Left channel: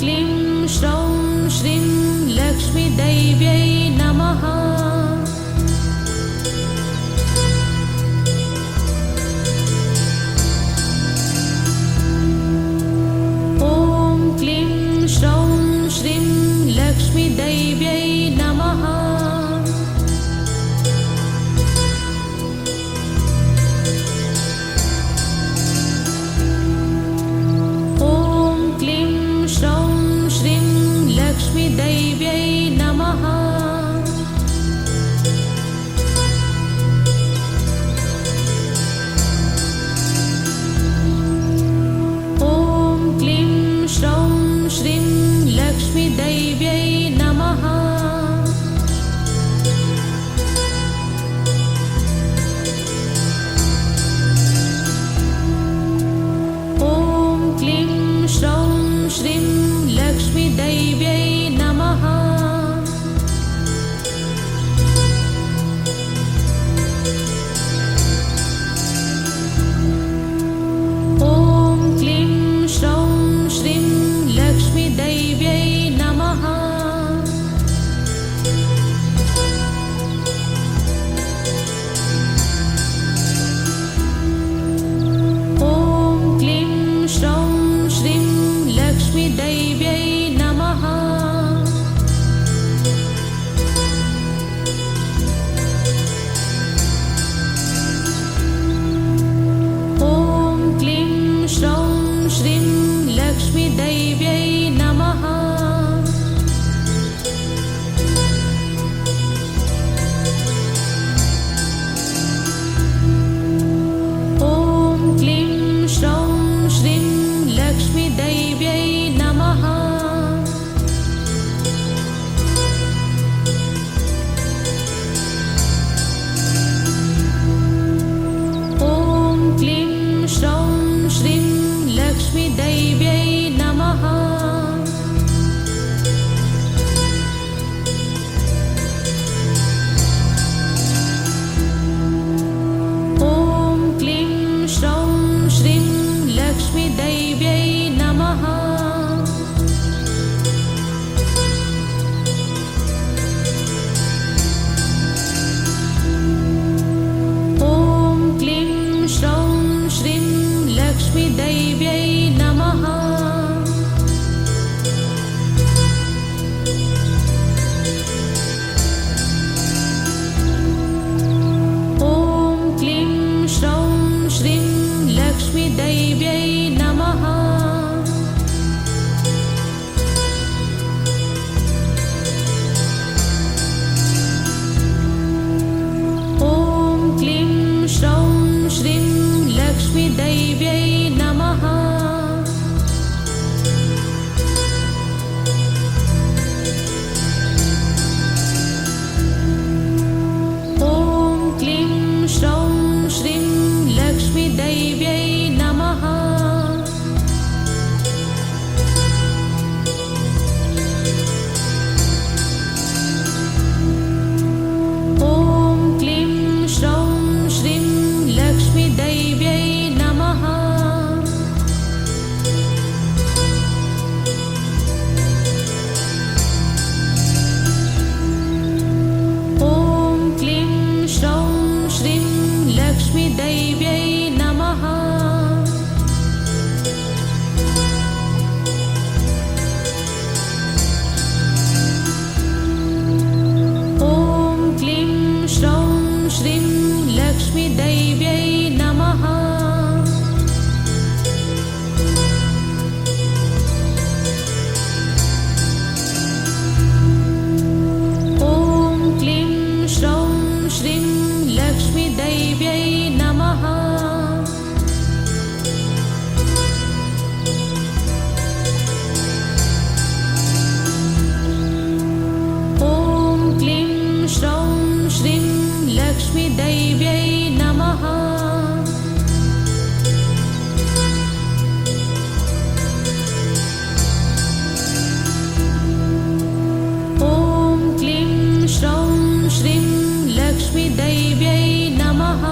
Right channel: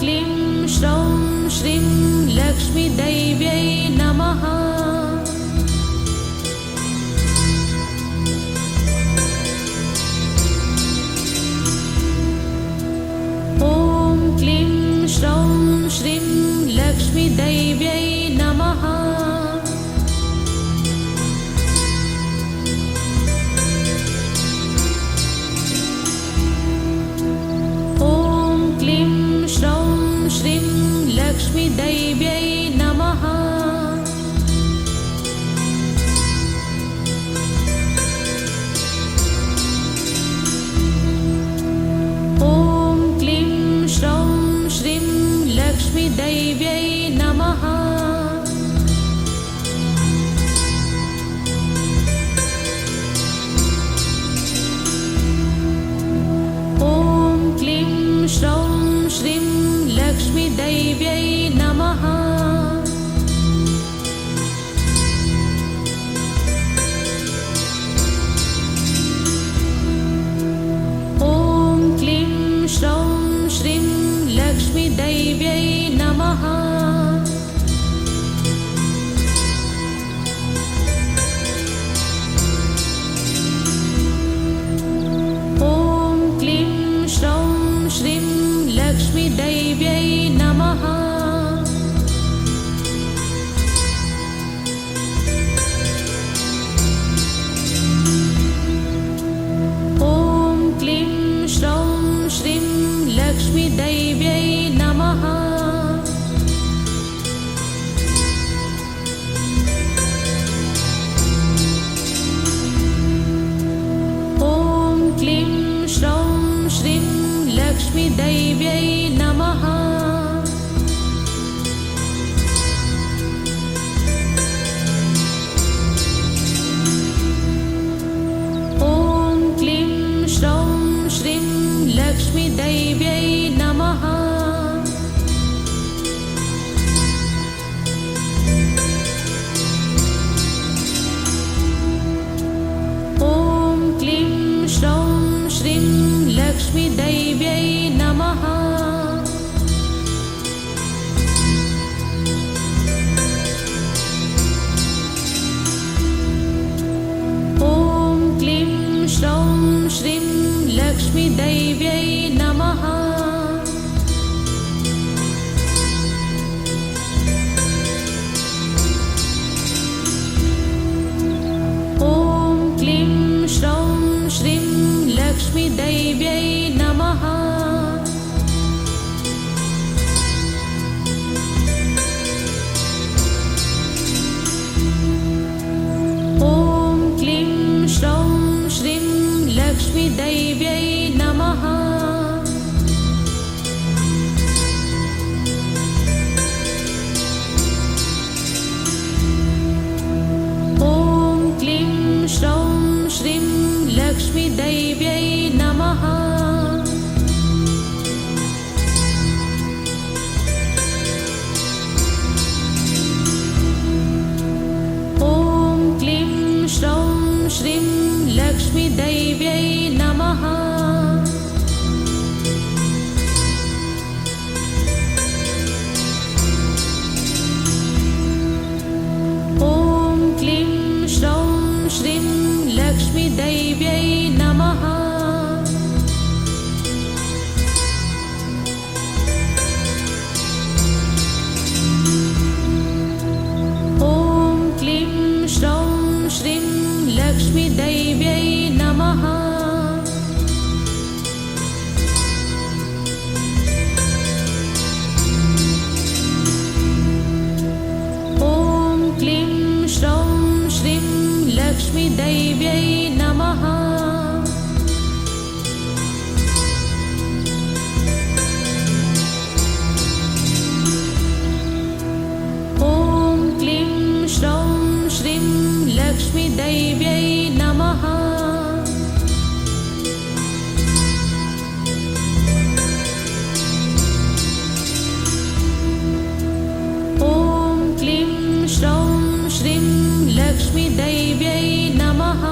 क्लीं श्रौं श्रीं लक्ष्मीदैव्यै नमः। ॐ क्लीं श्रौं श्रीं लक्ष्मीदैव्यै नमः लक्ष्मीदैव्यै नमः। ॐ क्लीं श्रौं श्रीं लक्ष्मीदैव्यै नमः। ॐ क्लीं श्रौं श्रीं लक्ष्मीदैव्यै heart. लक्ष्मीदैव्यै नमः लक्ष्मीदैव्यै नमः लक्ष्मीदैव्यै नमः लक्ष्मीदैव्यै नमः लक्ष्मीदैव्यै नमः। ॐ क्लीं श्रौं श्रीं लक्ष्मीदैव्यै नमः। ॐ क्लीं श्रौं श्रीं लक्ष्मीदैव्यै नमः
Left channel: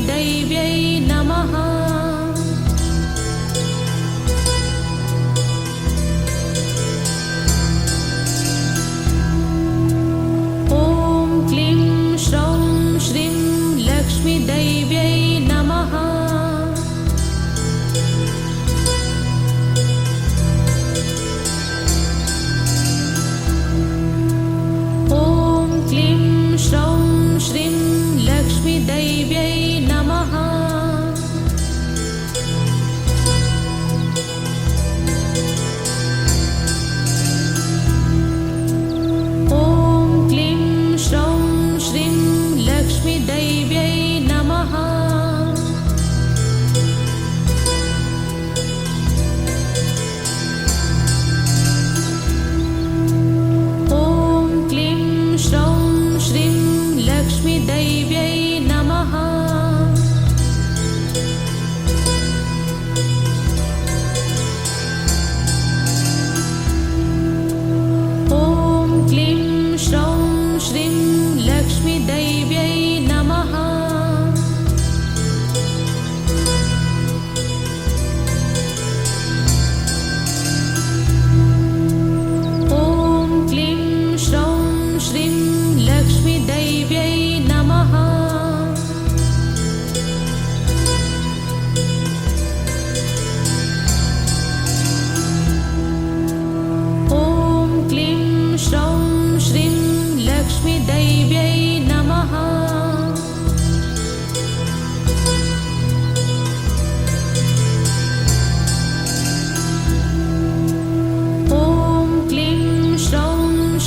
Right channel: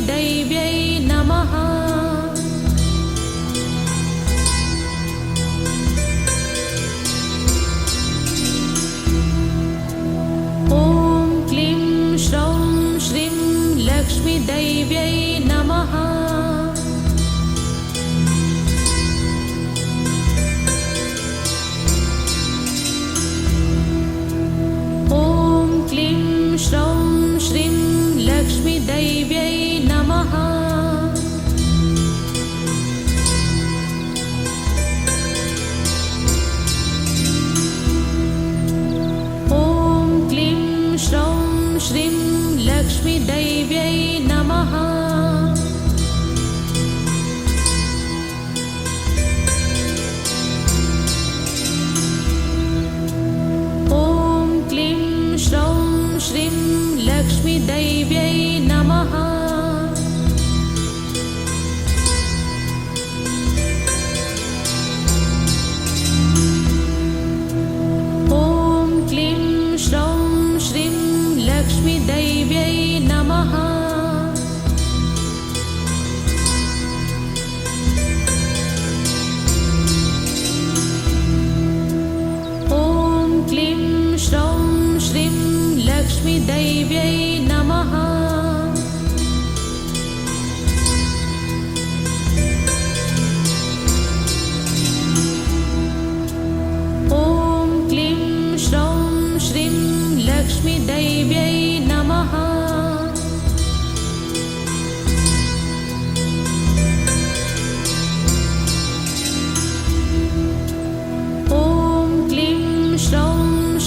लक्ष्मीदैव्यै नमः। ॐ क्लीं श्रौं श्रीं ॐ क्लीं श्रौं श्रीं लक्ष्मीदैव्यै heart. लक्ष्मीदैव्यै नमः। ॐ क्लीं श्रौं श्रीं लक्ष्मीदैव्यै नमः ॐ क्लीं श्रौं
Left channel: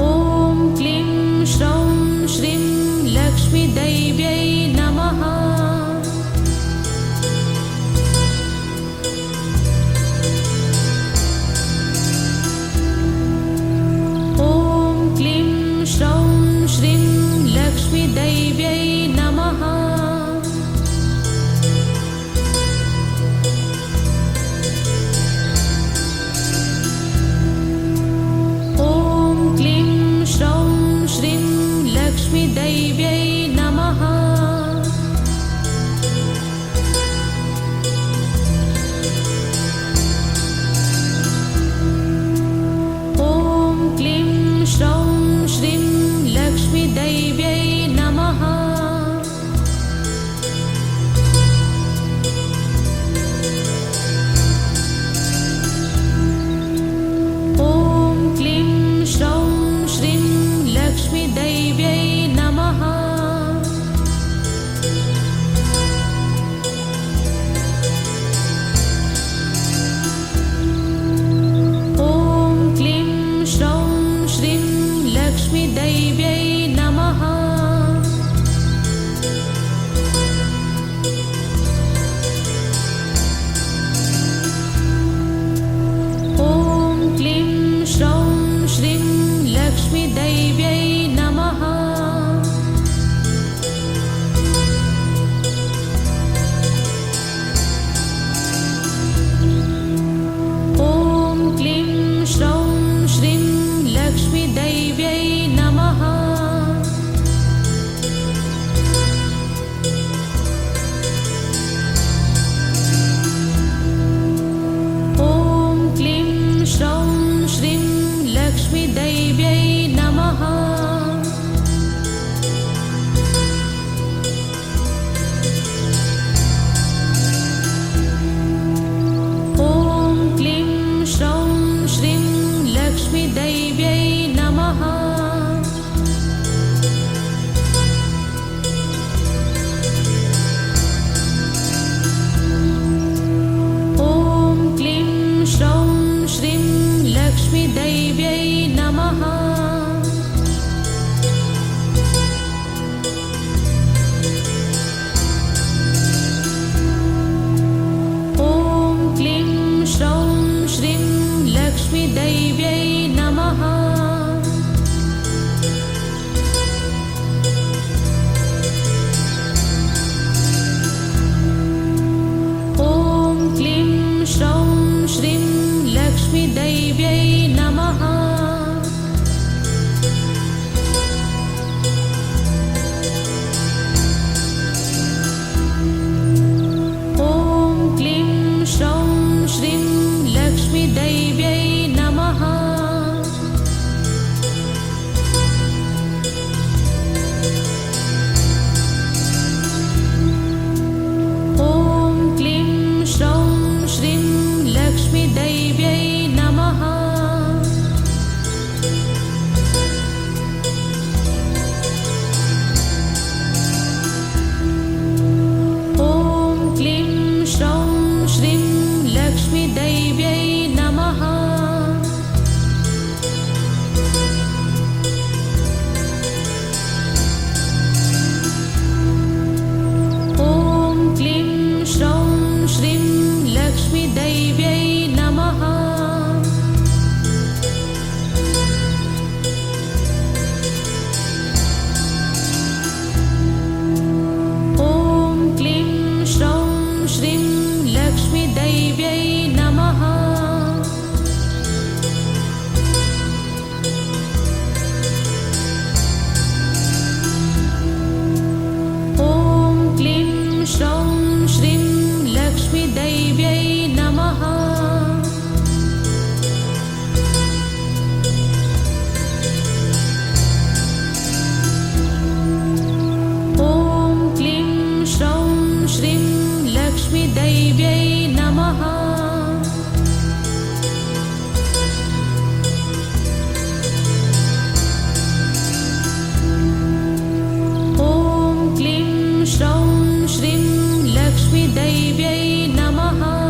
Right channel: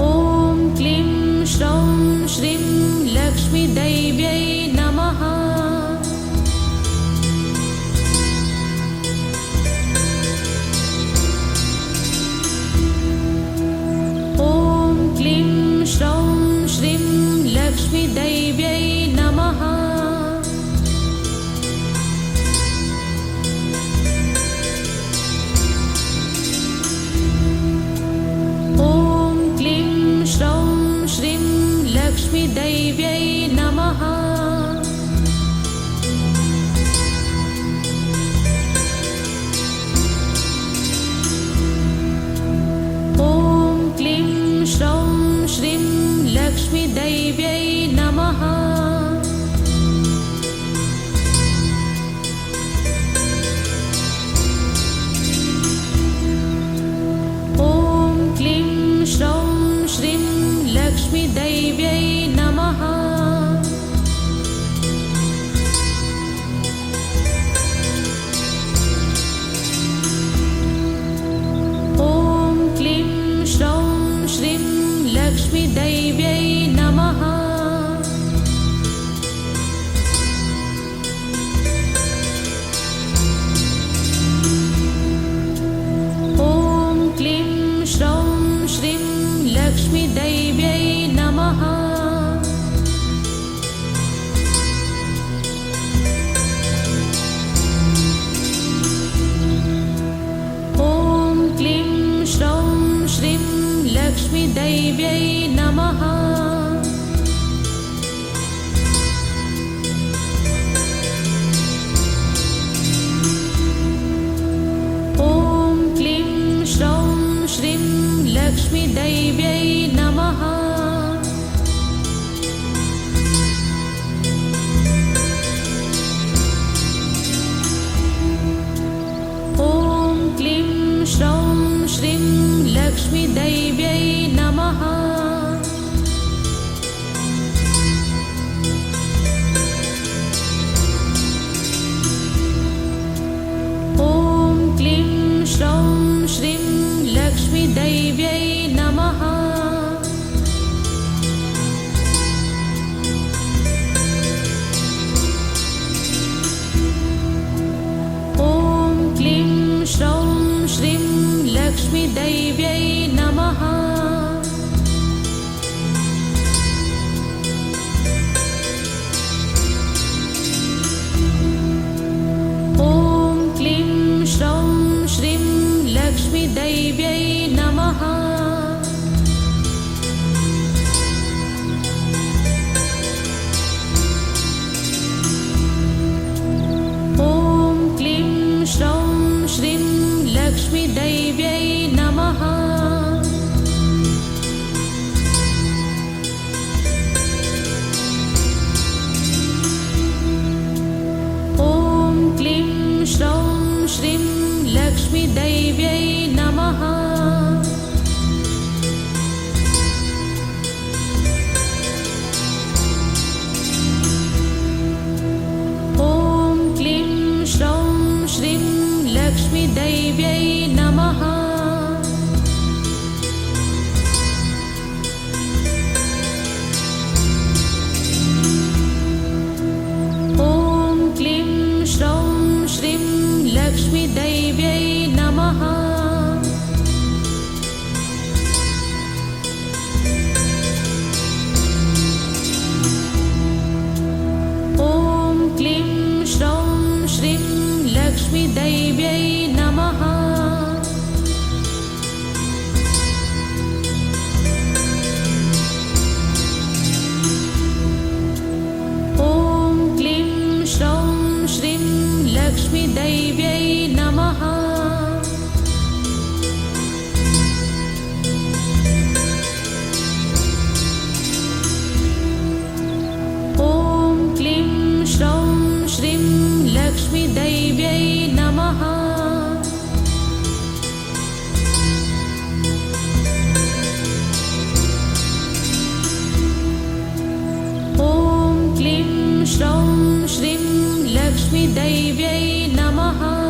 ॐ क्लीं श्रौं श्रीं लक्ष्मीदैव्यै नमः We sweet baby. लक्ष्मीदैव्यै नमः। ॐ क्लीं श्रौं श्रीं लक्ष्मीदैव्यै नमः। ॐ क्लीं श्रौं श्रीं लक्ष्मीदैव्यै लक्ष्मीदैव्यै नमः। ॐ क्लीं श्रौं श्रीं लक्ष्मीदैव्यै नमः। ॐ क्लीं लक्ष्मीदैव्यै नमः। ॐ क्लीं श्रौं श्रीं लक्ष्मीदैव्यै विदैव्यै ॐ क्लीं श्रीं क्लीं श्रौ श्रीं लक्ष्मीदैव्यै नमः। लक्ष्मीदैव्यै नमः। ॐ क्लीं श्रौं श्रीं लक्ष्मीदैव्यै नमः।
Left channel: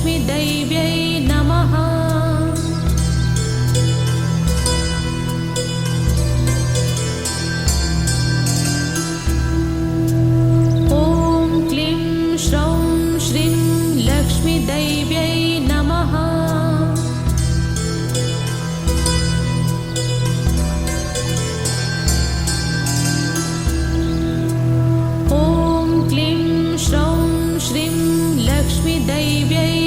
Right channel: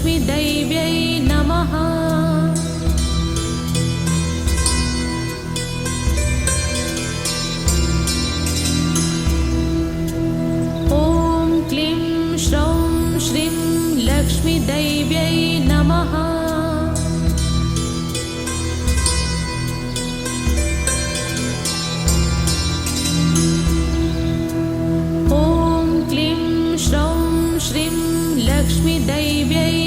लक्ष्मीदैव्यै नमः। ॐ क्लीं श्रौं श्रीं ॐ क्लीं श्रौ श्रीं लक्ष्मीदैव्यै